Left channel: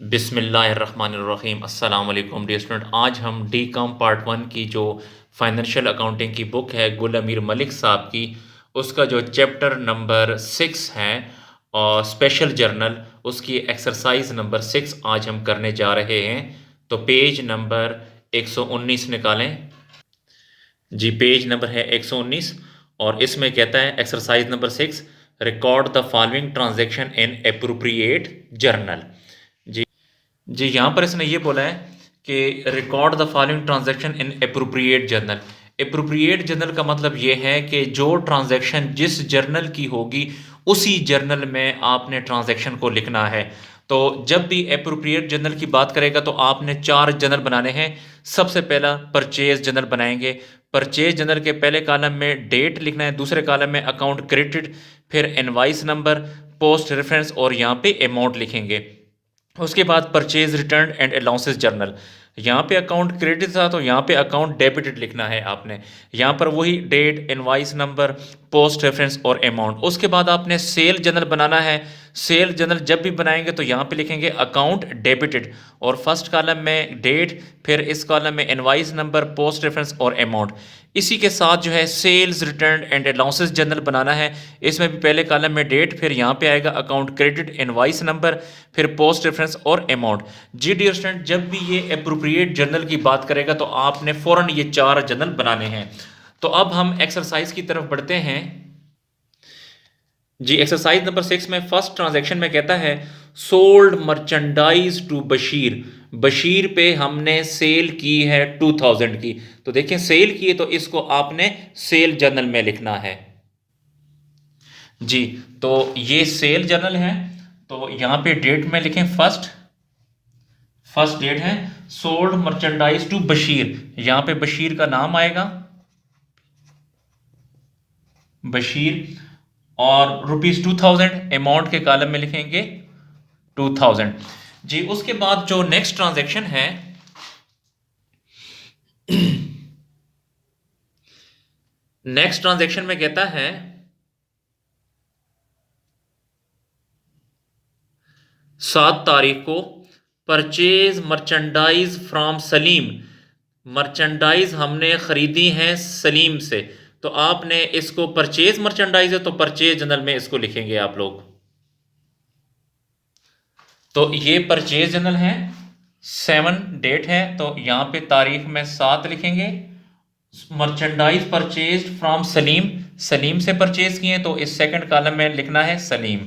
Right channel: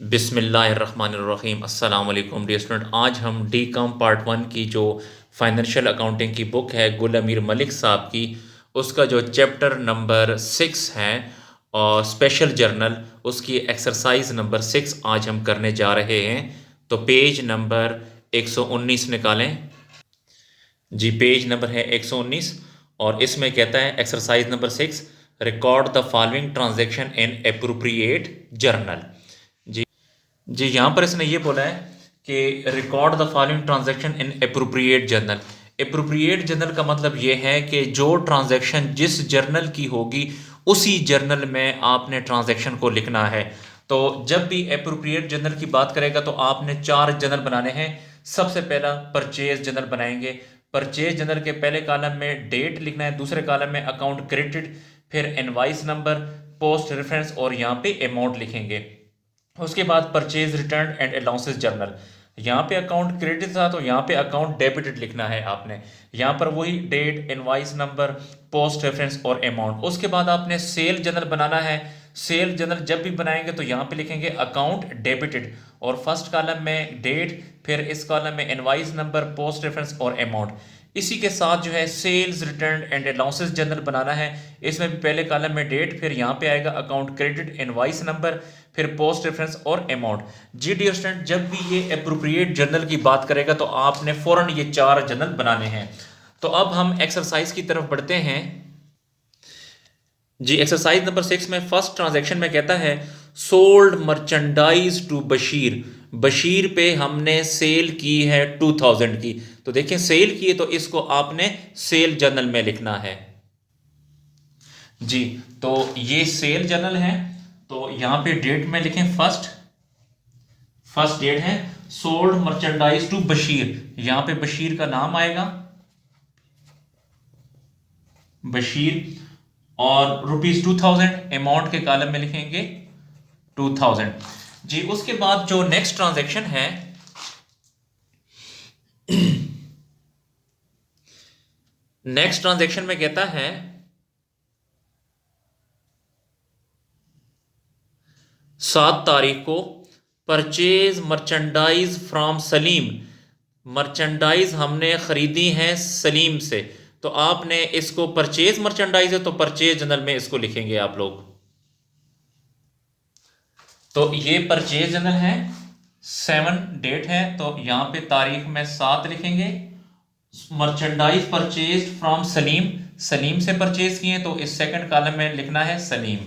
बिस्मिल्लाहिर्रहमानिर्रहीम अस्सलाम वालेकुम डियर स्टूडेंट। आज हम डी कॉम पार्ट 1 की जो फाइनेंशियल अकाउंटिंग की बुक है गुल अमीर मलिक साहब की, उसका जो चैप्टर नंबर 6 है और स्पेशल जर्नल, उसकी एक्सरसाइज नंबर 6 आज हम करने जा रहे हैं। तो पेज नंबर 119 निकालें जी। पेज नंबर है 119 और इसमें कहता है exercise number 6, record the following transaction in appropriate journal. जी यहाँ पर इसने ये बोला है कि record the following transaction in appropriate journal. Appropriate journal का मतलब ये है कि जो ट्रांजैक्शन जिस जर्नल की होगी उसी जर्नल में आपने ट्रांजैक्शन को लिखना है। तो जब भी एप्रोप्रिएट जर्नल की बात करेगा तो आपने 4 जर्नल बनाने हैं। सबसे पहला परचेज जर्नल बनाएंगे। परचेज जर्नल के पहले कॉलम में डेट लिखना है, दूसरे कॉलम में अकाउंट क्रेडिट, फिर इनवाइस नंबर, पोस्ट रेफरेंस और यहाँ पे अमाउंट लिखेंगे। उसके बाद purchase return and allowances journal, यहाँ पे अकाउंट क्रेडिट था तो यहाँ पे अकाउंट डेबिटेड लिखना है आपने। यहाँ पर वही date, invoice number, post reference और अमाउंट। उसके बाद आपने सेल जर्नल बनाना है। सेल जर्नल जब भी बनाएंगे तो यहाँ पे लिखेंगे अकाउंट डेबिटेड और फर्स्ट कॉलम में डेट, फिर इस कॉलम में इनवाइस नंबर, पोस्ट रेफरेंस और अमाउंट। इसी के साथ जो है sales return and allowances journal बनाना है। इसमें भी पहले कॉलम में डेट, फिर यहाँ पे आएगा अकाउंट क्रेडिट, इनवाइस नंबर, फिर पोस्ट रेफरेंस और अमाउंट। जी डियर स्टूडेंट, जब भी ये अप्रोप्रिएट जर्नल की बात करेगा तो आपने फौरन ये 4 जर्नल बनाने हैं। तो अब हम एक्सरसाइज की तरफ बढ़ते हैं जी। एक्सरसाइज नंबर 6 में फर्स्ट ट्रांजैक्शन में कहता है sold merchandise to Bashir. Bashir पे हमने सेल की है 2000 की। तो देखें सेल की है तो इसको आपने सेल जर्नल में लिखना है जी। तो ये सेल जर्नल है तो यहां पे डेट में लिखें फर्स्ट डेट है सोल्ड मर्चेंडाइज टू बशीर। यहां पे बशीर का नाम आएगा बशीर और ₹2000 अमाउंट के कॉलम में लिखेंगे 2000 जी। उसके बाद जो नेक्स्ट ट्रांजैक्शन है नेक्स्ट ट्रांजैक्शन में कहता है 7 तारीख को purchase merchandise from Salim. Merchandise हमने खरीदी है सलीम से, तो आपने इसको परचेज मर्चेंडाइज है तो परचेज जनरल में इसको लिखेंगे आप लोग। तो ये परचेज जनरल है, 7 डेट है तो यहां पे तारीख में 7 लिखेंगे। Merchandise purchase from Salim, Salim से परचेज किए तो इस सेकंड कॉलम में लिखना है सलीम।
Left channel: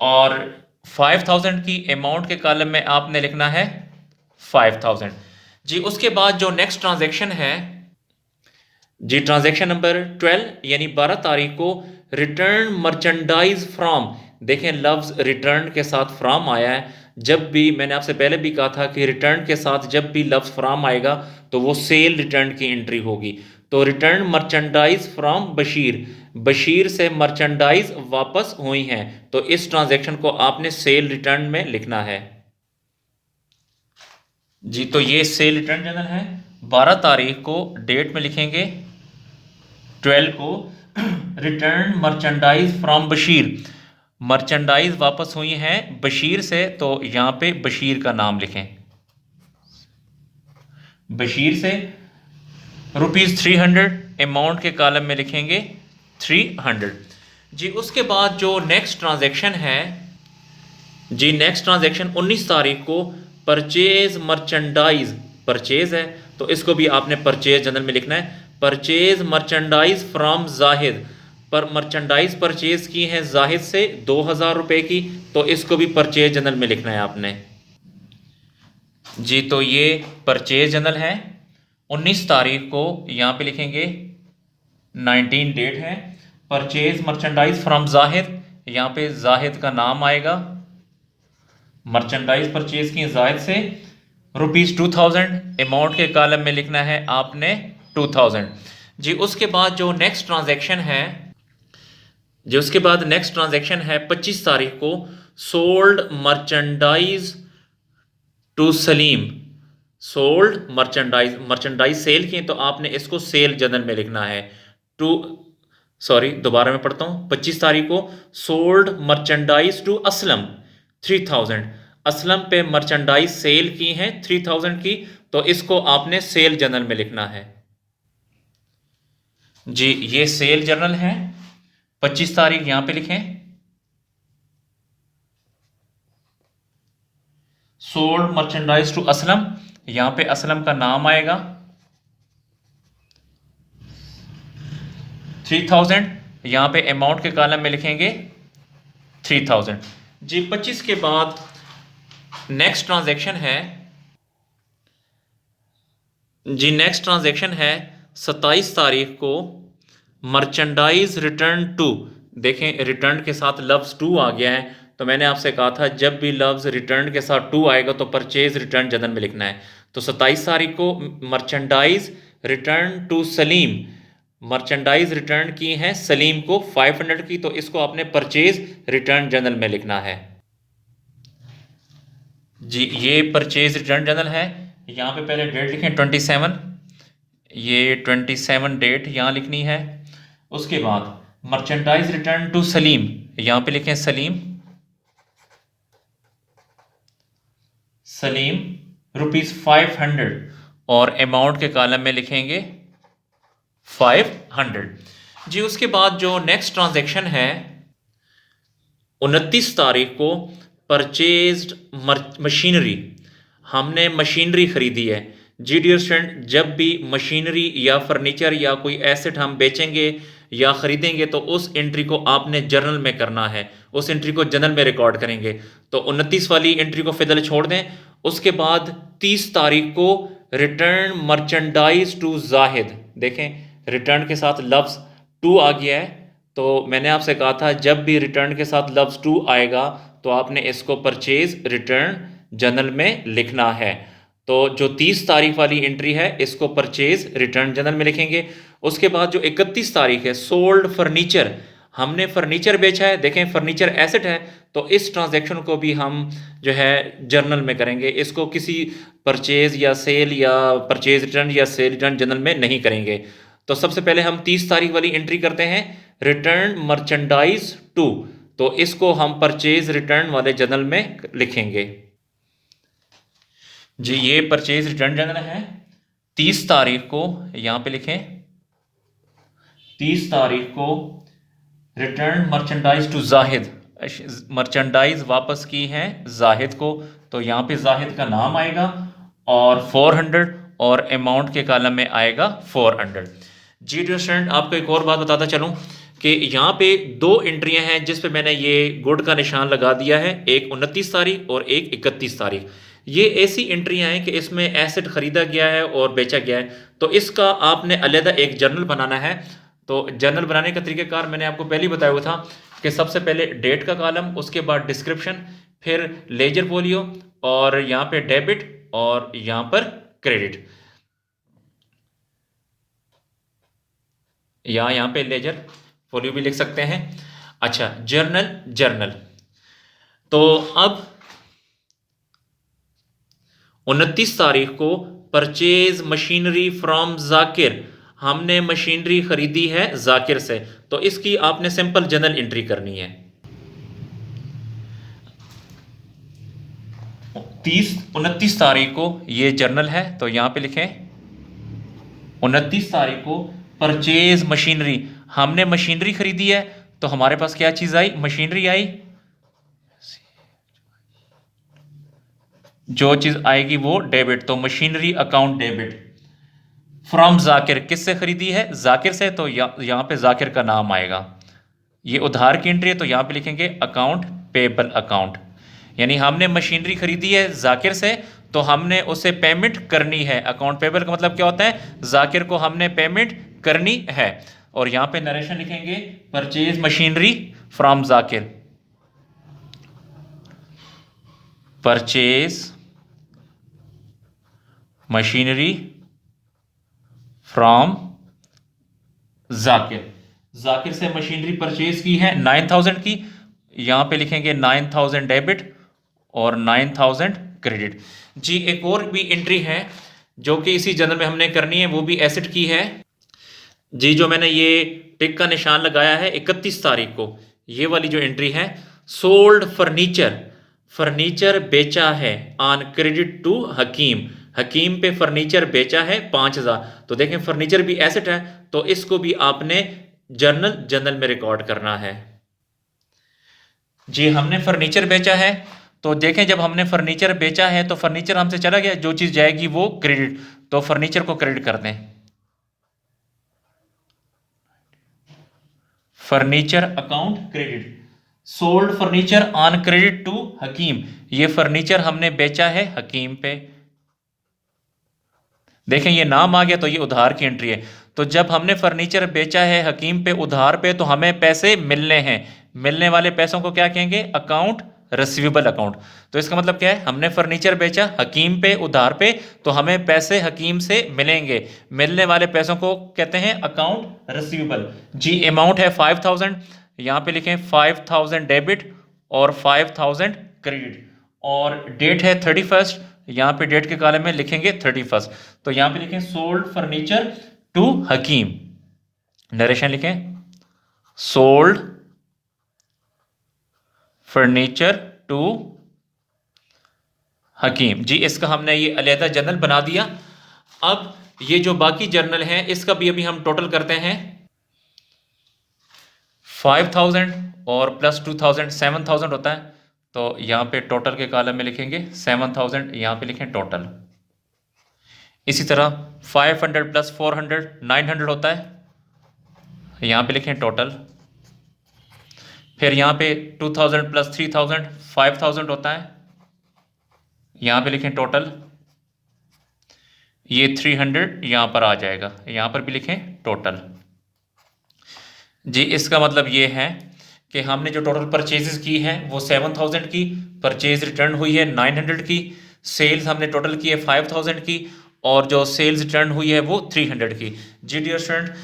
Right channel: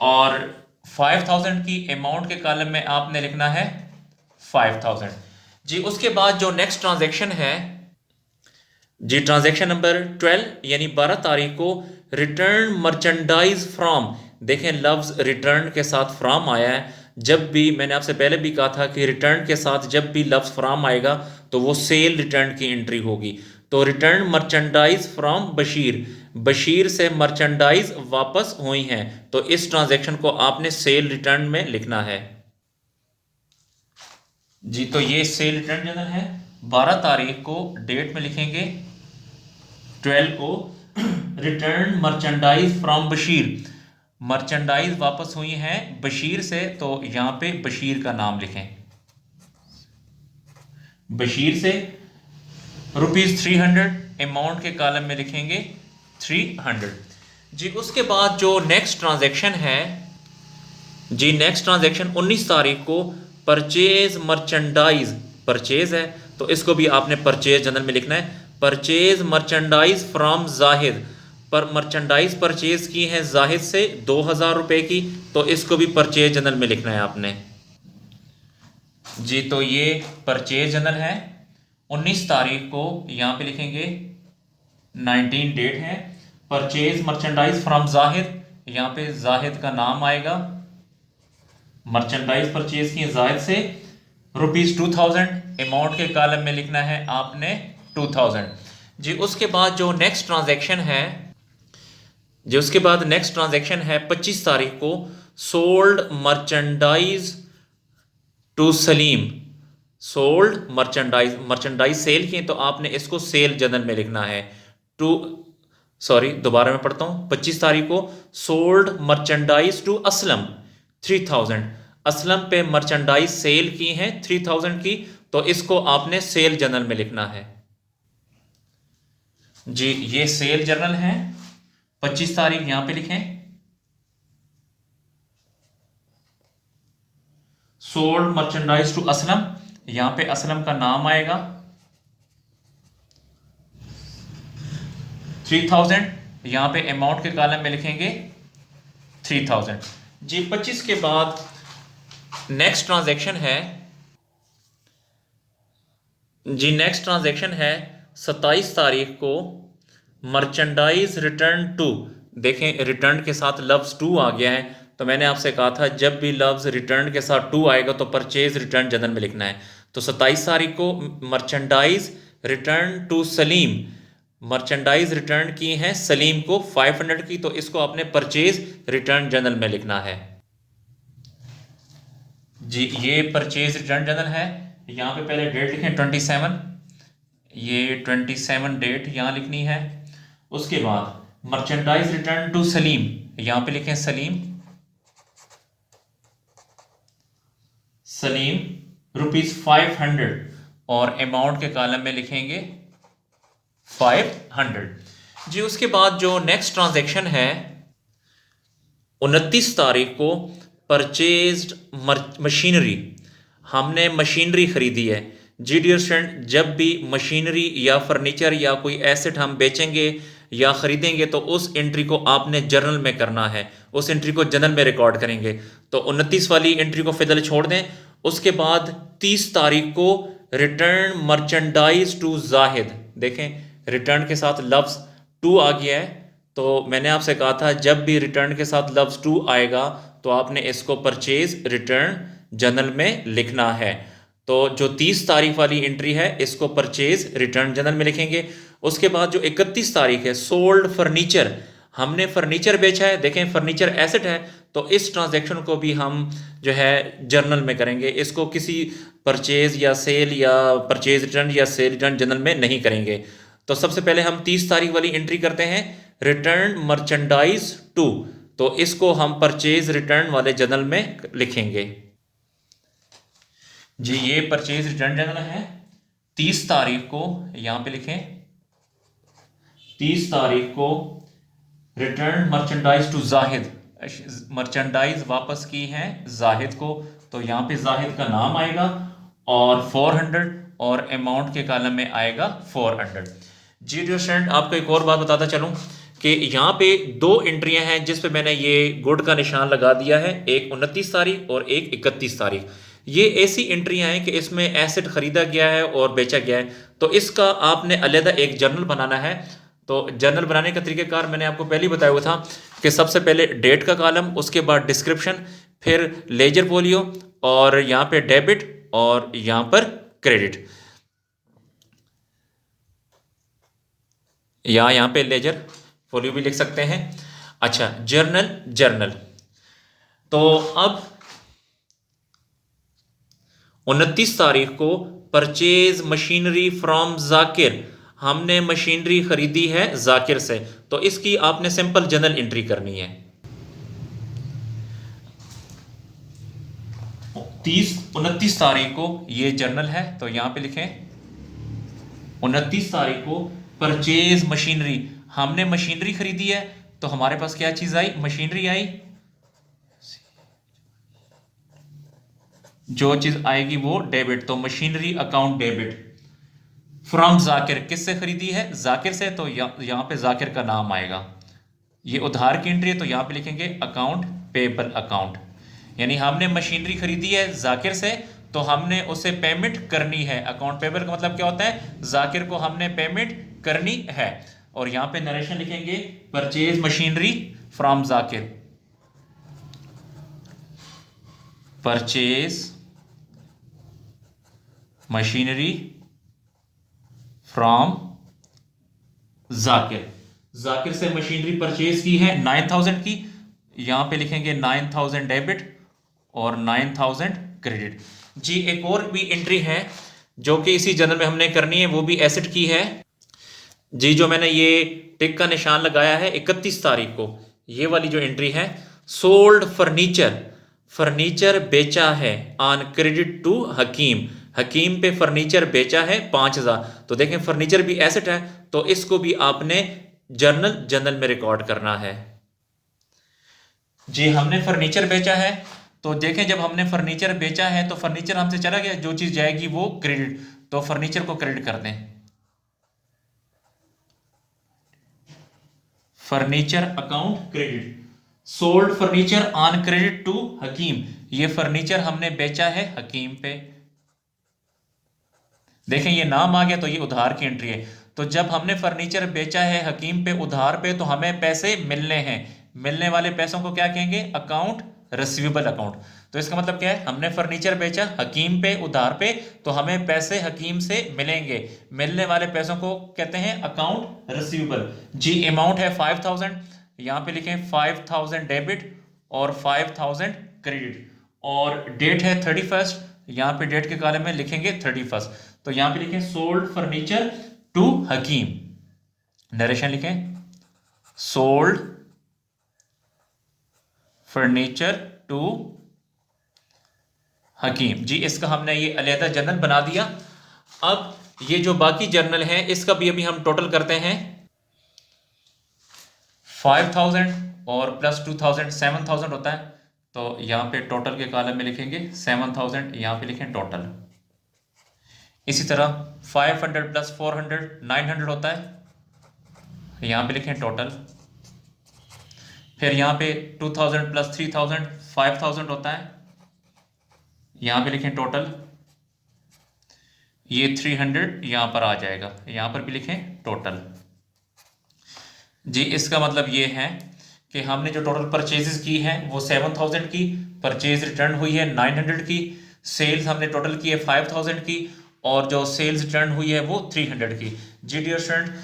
और 5000 की अमाउंट के कॉलम में आपने लिखना है 5000 जी। उसके बाद जो नेक्स्ट ट्रांजैक्शन है जी, ट्रांजैक्शन नंबर 12 यानी 12 तारीख को रिटर्न मर्चेंडाइज फ्रॉम। देखें लफ्ज रिटर्न के साथ फ्रॉम आया है। जब भी मैंने आपसे पहले भी कहा था कि रिटर्न के साथ जब भी लफ्ज फ्रॉम आएगा तो वो सेल रिटर्न की एंट्री होगी। तो return merchandise from Bashir, Bashir से मर्चेंडाइज वापस हुई हैं तो इस ट्रांजैक्शन को आपने सेल रिटर्न में लिखना है जी। तो ये सेल रिटर्न जनरल है। 12 तारीख को डेट में लिखेंगे 12 को return merchandise from Bashir. Merchandise वापस हुई हैं बशीर से तो यहां पे बशीर का नाम लिखें। बशीर से ₹300 अमाउंट के कॉलम में लिखेंगे 300 जी। उसके बाद जो नेक्स्ट ट्रांजैक्शन है जी, नेक्स्ट ट्रांजैक्शन 19 तारीख को परचेज मर्चेंडाइज, परचेज है तो इसको भी आपने परचेज जनरल में लिखना है। परचेज मर्चेंडाइज फ्रॉम जाहिद, पर मर्चेंडाइज परचेज की है जाहिद से 2000 रुपए की तो इसको भी परचेज जनरल में लिखना है आपने जी। तो ये परचेज जनरल है 19 तारीख को, यहां पे लिखेंगे 19 डेट है। परचेज मर्चेंडाइज फ्रॉम जाहिद, यहां पे जाहिद का नाम आएगा। मर्चेंडाइज परचेज की जाहिद से ₹2000 अमाउंट के कॉलम में लिखना है आपने 2000 जी। उसके बाद जो नेक्स्ट ट्रांजैक्शन है जी, उसके बाद नेक्स्ट ट्रांजैक्शन है 25 तारीख को sold merchandise to Salim. Sold merchandise, merchandise sale की तो आपने इसको सेल जनरल में लिखना है। टू सॉरी दोबारा मैं पढ़ता हूं, 25 तारीख को sold merchandise to Aslam. 3000। Aslam पे मर्चेंडाइज सेल की हैं 3000 की, तो इसको आपने सेल जर्नल में लिखना है। जी ये सेल जर्नल है, 25 तारीख यहां पे लिखें। सोल्ड मर्चेंडाइज टू असलम, यहां पे असलम का नाम आएगा। 3000, यहां पे अमाउंट के कॉलम में लिखेंगे 3000। जी 25 के बाद नेक्स्ट ट्रांजैक्शन है। जी नेक्स्ट ट्रांजैक्शन है 27 तारीख को, मर्चेंडाइज रिटर्न टू। देखें रिटर्न के साथ लफ्ज़ टू आ गया है, तो मैंने आपसे कहा था जब भी लफ्ज़ रिटर्न के साथ टू आएगा तो परचेज रिटर्न जनरल में लिखना है। तो 27 तारीख को merchandise return to Salim, merchandise return की है सलीम को 500 की, तो इसको आपने परचेज रिटर्न जनरल में लिखना है। जी ये परचेज रिटर्न जनरल है। यहाँ पे पहले डेट लिखें 27, ये 27 डेट यहाँ लिखनी है। उसके बाद मर्चेंडाइज रिटर्न टू सलीम, यहाँ पे लिखें सलीम, सलीम ₹500 और अमाउंट के कॉलम में लिखेंगे 500। जी उसके बाद जो नेक्स्ट ट्रांजैक्शन है 29 तारीख को, परचेज्ड मशीनरी, हमने मशीनरी खरीदी है। जी डियर स्टूडेंट, जब भी मशीनरी या फर्नीचर या कोई एसेट हम बेचेंगे या ख़रीदेंगे तो उस एंट्री को आपने जर्नल में करना है, उस एंट्री को जर्नल में रिकॉर्ड करेंगे। तो 29 वाली एंट्री को फिलहाल छोड़ दें। उसके बाद 30 तारीख को रिटर्न मर्चेंडाइज टू जाहिद, देखें रिटर्न के साथ लफ्ज़ टू आ गया है, तो मैंने आपसे कहा था जब भी रिटर्न के साथ लफ्ज़ टू आएगा तो आपने इसको परचेज रिटर्न जर्नल में लिखना है। तो जो 30 तारीख वाली एंट्री है इसको परचेज रिटर्न जर्नल में लिखेंगे। उसके बाद जो 31 तारीख है, सोल्ड फर्नीचर, हमने फर्नीचर बेचा है, देखें फर्नीचर एसेट है, तो इस ट्रांजैक्शन को भी हम जो है जर्नल में करेंगे। इसको किसी परचेज या सेल या परचेज रिटर्न या सेल रिटर्न जर्नल में नहीं करेंगे। तो सबसे पहले हम 30 तारीख वाली एंट्री करते हैं, रिटर्न मर्चेंडाइज टू, तो इसको हम परचेज रिटर्न वाले जर्नल में लिखेंगे। जी ये परचेज रिटर्न जर्नल है। 30 तारीख को यहां पे लिखें, 30 तारीख को return merchandise to Zahid, merchandise वापस की है जाहिद को, तो यहाँ पे जाहिद का नाम आएगा और 400 और अमाउंट के कॉलम में आएगा 400। जी डियर स्टूडेंट, आपको एक और बात बताता चलूँ कि यहाँ पे दो एंट्रियां हैं जिस पे मैंने ये गुड का निशान लगा दिया है, एक 29 तारीख और एक 31 तारीख। ये ऐसी एंट्रियां हैं कि इसमें एसेट खरीदा गया है और बेचा गया है, तो इसका आपने अलहदा एक जर्नल बनाना है। तो जर्नल बनाने का तरीक़ाकार मैंने आपको पहले ही बताया हुआ था कि सबसे पहले डेट का कॉलम, उसके बाद डिस्क्रिप्शन, फिर लेजर फोलियो और यहाँ पे डेबिट और यहाँ पर क्रेडिट, या यहाँ पे लेजर फोलियो भी लिख सकते हैं। अच्छा जर्नल, तो अब 29 तारीख को परचेज मशीनरी फ्रॉम जाकिर, हमने मशीनरी खरीदी है जाकिर से, तो इसकी आपने सिंपल जर्नल एंट्री करनी है। 29 तारीख को ये जर्नल है, तो यहां पे लिखें 29 तारीख को परचेज मशीनरी, हमने मशीनरी खरीदी है, तो हमारे पास क्या चीज आई, मशीनरी आई, जो चीज आएगी वो डेबिट, तो machinery account debit. From Zakir, किससे खरीदी है, जाकिर से, तो यहां पे जाकिर का नाम आएगा। ये उधार की एंट्री है, तो यहां पे लिखेंगे अकाउंट पेबल अकाउंट, यानी हमने मशीनरी खरीदी है जाकिर से, तो हमने उसे पेमेंट करनी है। अकाउंट पेबल का मतलब क्या होता है, जाकिर को हमने पेमेंट करनी है। और यहां पे नरेशन लिखेंगे purchase machinery from Zakir, purchase machinery from Zakir, Zakir से मशीनरी परचेज की है 9000 की, यहां पे लिखेंगे 9000 डेबिट और 9000 क्रेडिट। जी एक और भी एंट्री है जो कि इसी जर्नल में हमने करनी है, वो भी एसेट की है। जी जो मैंने ये टिक का निशान लगाया है 31 तारीख को, ये वाली जो एंट्री है, सोल्ड फर्नीचर फर्नीचर बेचा है ऑन क्रेडिट टू हकीम, हकीम पे फर्नीचर बेचा है 5,000। तो देखें फर्नीचर भी एसेट है, तो इसको भी आपने जर्नल में रिकॉर्ड करना है। जी हमने फर्नीचर बेचा है, तो देखें जब हमने फर्नीचर बेचा है तो फर्नीचर हमसे चला गया, जो चीज जाएगी वो क्रेडिट, तो फर्नीचर को क्रेडिट कर दें। Furniture account credit, sold furniture on credit to Hakim, ये फर्नीचर हमने बेचा है हकीम पे। देखें ये नाम आ गया तो ये उधार की एंट्री है। तो जब हमने फर्नीचर बेचा है हकीम पे उधार पे, तो हमें पैसे मिलने हैं, मिलने वाले पैसों को क्या कहेंगे, अकाउंट रिसीवेबल अकाउंट। तो इसका मतलब क्या है, हमने फर्नीचर बेचा हकीम पे उधार पे, तो हमें पैसे हकीम से मिलेंगे, मिलने वाले पैसों को कहते हैं अकाउंट रिसीवेबल। जी अमाउंट है 5,000, यहाँ पे लिखें 5,000 डेबिट और 5,000 क्रेडिट, और डेट है 31st, यहाँ पे डेट के कॉलम में लिखेंगे 31st। तो यहाँ पे लिखें sold furniture to Hakim, narration लिखें सोल्ड फर्नीचर टू हकीम। जी इसका हमने ये अलहदा जर्नल बना दिया। अब ये जो बाकी जर्नल है इसका भी अभी हम टोटल करते हैं। 5,000 और प्लस 2,000 7,000 होता है, तो यहाँ पे टोटल के कॉलम में लिखेंगे 7,000, यहाँ पे लिखें टोटल। इसी तरह 500 प्लस 400 900 होता है, यहाँ पे लिखें टोटल। फिर यहाँ पे 2,000 प्लस 3,000 5,000 होता है, यहाँ पे लिखें टोटल। ये 300 यहाँ पर आ जाएगा, यहाँ पर भी लिखें टोटल। जी इसका मतलब ये है कि हमने जो टोटल परचेजेस की हैं वो 7,000 की, परचेज रिटर्न हुई है 900 की, सेल्स हमने टोटल की है 5,000 की, और जो सेल्स रिटर्न हुई है वो 300 की। जी डियर स्टूडेंट,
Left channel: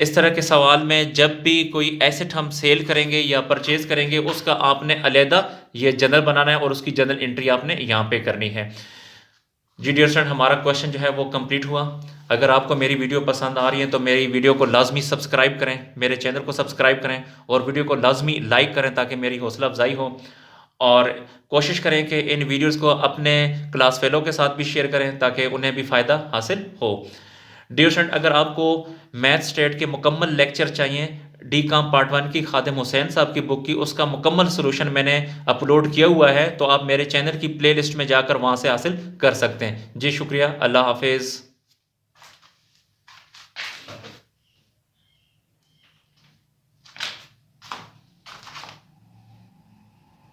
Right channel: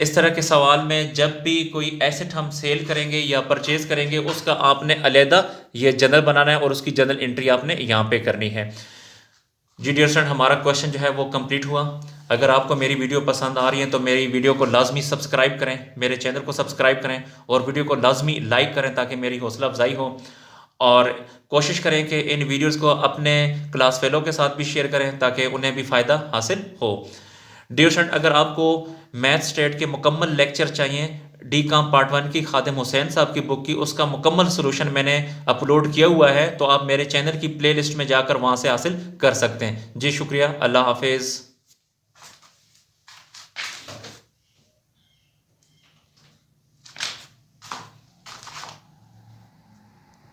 इस तरह के सवाल में जब भी कोई एसेट हम सेल करेंगे या परचेज करेंगे उसका आपने अलहदा ये जर्नल बनाना है और उसकी जर्नल एंट्री आपने यहाँ पे करनी है। जी डियर स्टूडेंट, हमारा क्वेश्चन जो है वो कंप्लीट हुआ। अगर आपको मेरी वीडियो पसंद आ रही है तो मेरी वीडियो को लाजमी सब्सक्राइब करें, मेरे चैनल को सब्सक्राइब करें और वीडियो को लाजमी लाइक करें ताकि मेरी हौसला अफजाई हो। और कोशिश करें कि इन वीडियोस को अपने क्लास फेलो के साथ भी शेयर करें ताकि उन्हें भी फ़ायदा हासिल हो। डियर स्टूडेंट, अगर आपको मैथ स्टेट के मुकम्मल लेक्चर चाहिए डी काम पार्ट 1 की खादिम हुसैन साहब की बुक की, उसका मुकम्मल सोल्यूशन मैंने अपलोड किया हुआ है, तो आप मेरे चैनल की प्लेलिस्ट में जाकर वहाँ से हासिल कर सकते हैं। जी शुक्रिया, अल्लाह हाफिज़।